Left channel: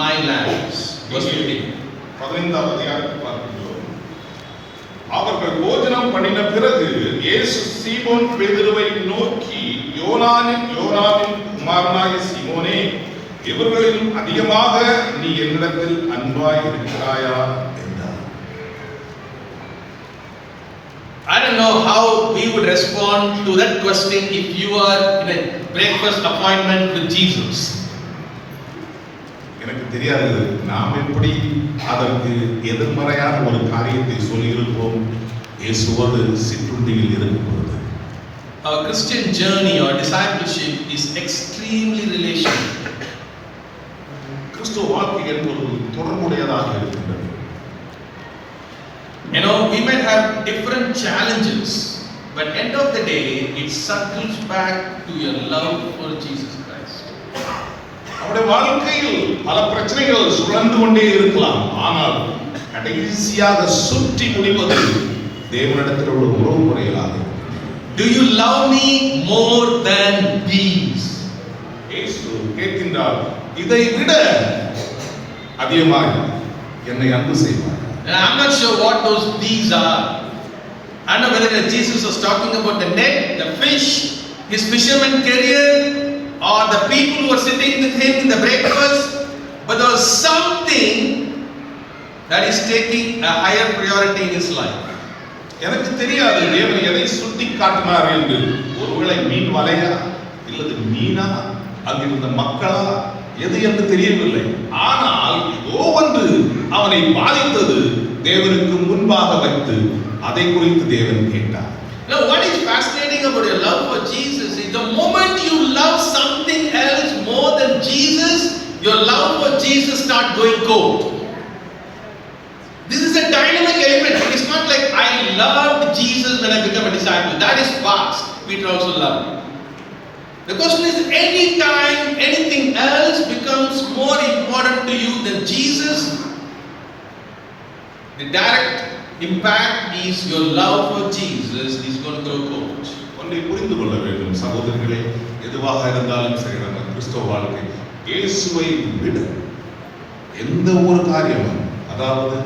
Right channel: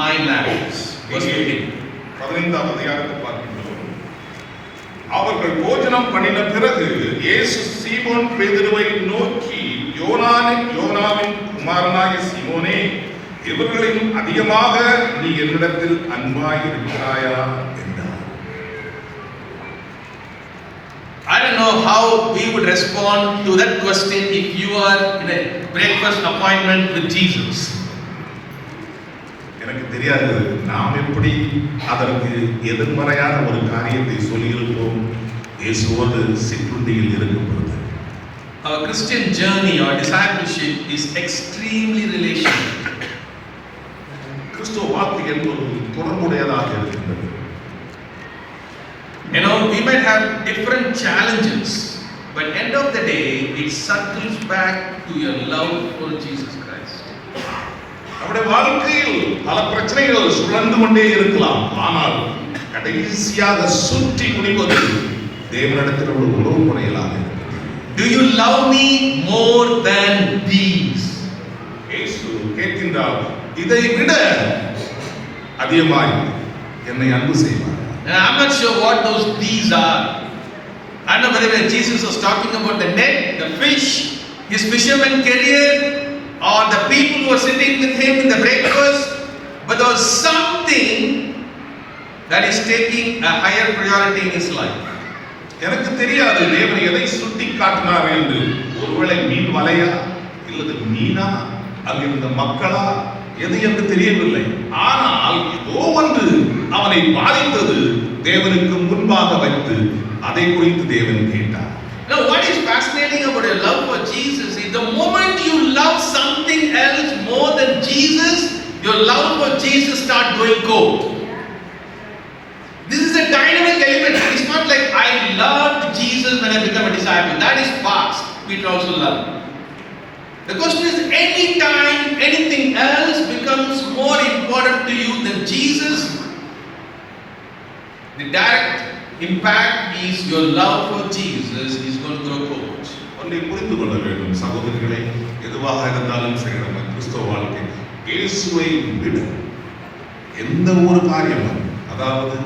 my lands. Verse 15. 15ஆம் அதிகாரத்தை பார்க்கின்றோம். அவர்கள் போஜனம் பண்ணின பிறகு இயேசு சீமோன் பேதுருவை நோக்கி, யோனாவின் குமாரனாகிய சீமோனே, இவர்களிலும் அதிகமாக நீ என்னிடத்தில் அன்பாய் இருக்கிறாயா என்றார். I don't know how we would respond to that question if you are in a breakfast appointment with Jesus. எனக்கு தெரியாது நாம் எப்படி அதற்கு எதிர்மறையான ஒரு காரியத்தை சொல்லியிருப்போம் இயேசுவோடு சிற்றுண்டியில் இருக்கும் பொழுது. Our Christian journey or discipleship is extremely relational. கிறிஸ்துவ வாழ்க்கை என்பது தொடர்புடையதாக இருக்கின்றது. You know, we might have different challenges, but end of the day, it circles back to your love for Jesus Christ. நம்முடைய வாழ்க்கையில் பல பிரச்சனைகள் சுழன்று கொண்டே இருக்கலாம், ஆனால் கடைசியாக சுற்றி முடிவது தேவனிடத்தில் உள்ள உறவு முறைகளாக. Do you love me more than these? இயேசு கேட்கின்றார், இதை விட அதிகமாய் என்னை அன்பு செய்வார். I'm not sure what those these are. I don't know whether Jesus was talking about the net, the fish, his fisherman career, or the people who were sitting with him in the breakfast, but there was something that is taking a higher priority in his life. எனக்கு தெரியாது தேவன் எதை சுட்டி காட்டினார் என்று. ஒருவேளை மீன் வலையா இல்லது மீனா அங்கிருந்த மக்களா எது என்று தெரியவில்லை. ஆனால் ஏதோ ஒன்று அவனை பாதித்தது தேவனுக்கு முன்பாக வைத்து அதை குறித்து தேவன் கேட்டார். Now what is fascinating about your love for Jesus is the moment you love something else more than Jesus, your love for Jesus start going cold. This is a dynamic element. It is not like I loved Jesus when I became a disciple. That is past. Peter also loved. The question is, anytime anything else becomes more important to you than Jesus, the direct impact is your love for Jesus is going to grow cold. ஒன்றை புரிந்து கொள்ள வேண்டும் சகோதரர்களே, எதுவாக இருந்தாலும் சரி நம்ம கிறிஸ்தவ வாழ்க்கை இயேசுவை விட எந்த ஒரு காரியமும், அதாவது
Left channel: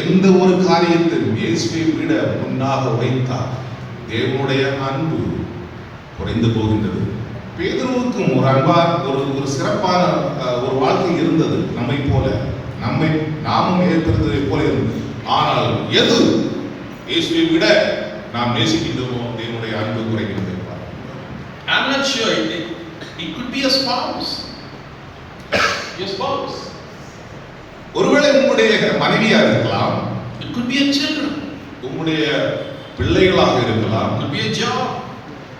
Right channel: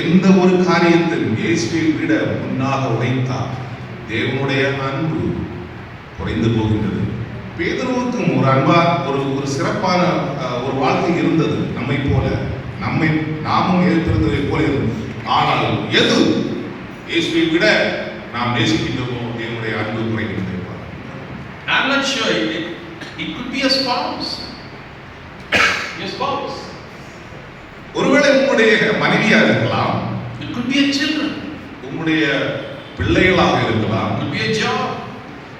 எந்த ஒரு காரியத்தையும் இயேசுவை விட முன்னாக வைத்தால் தேவனுடைய அன்பு குறைந்து போகின்றது. பேதுருவுக்கும் ஒரு ஒரு சிறப்பான ஒரு வாழ்க்கை இருந்தது, நம்மை போல நாமும் ஏற்படுத்ததை போல இருந்தது. ஆனால் எது இயேசுவை விட நாம் நேசிக்கின்றோமோ தேவனுடைய அன்பு குறைகின்றது. I'm not sure. It could be a spouse. Your spouse. ஒருவேளை உங்களுடைய மனைவியா இருக்கலாம். It could be your children. உங்களுடைய பிள்ளைகளாக இருக்கலாம். It could be a job.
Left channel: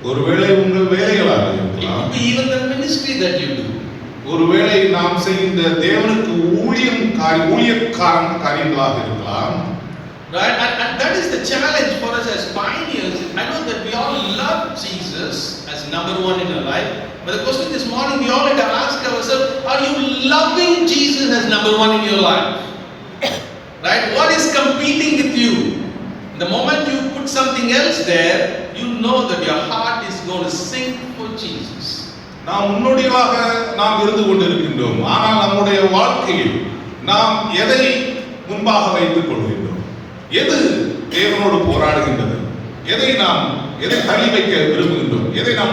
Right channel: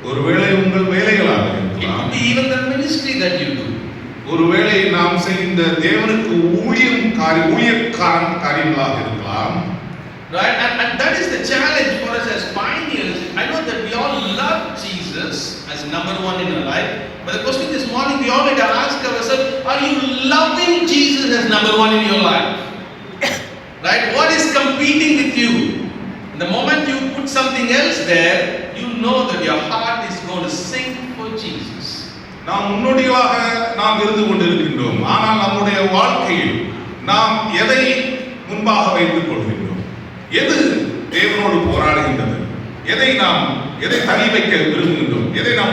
ஒருவேளை உங்கள் வேலைகளாக இருக்கலாம். It could be even the ministry that you do. ஒருவேளை நாம் செய்கின்ற தேவனுக்கு காரியங்களாக இருக்கலாம். Right? And that is the challenge for us as pioneers. I know that we all love Jesus as number one in our life, but the question this morning we all need to ask ourselves, are you loving Jesus as number one in your life? Right? What is competing with you? The moment you put something else there, you know that your heart is going to sink for Jesus. நாம் முன்னோடியாக நாம் இருந்து கொண்டிருக்கின்றோம், ஆனால் நம்முடைய வாழ்க்கையில் நாம் எதை முன்பாக வைத்துக் கொள்கின்றோம்? எது தேவனோடு போராடுகின்றது? எதை தள்ளி வைக்க விரும்புகின்றோம்? எதை நாம்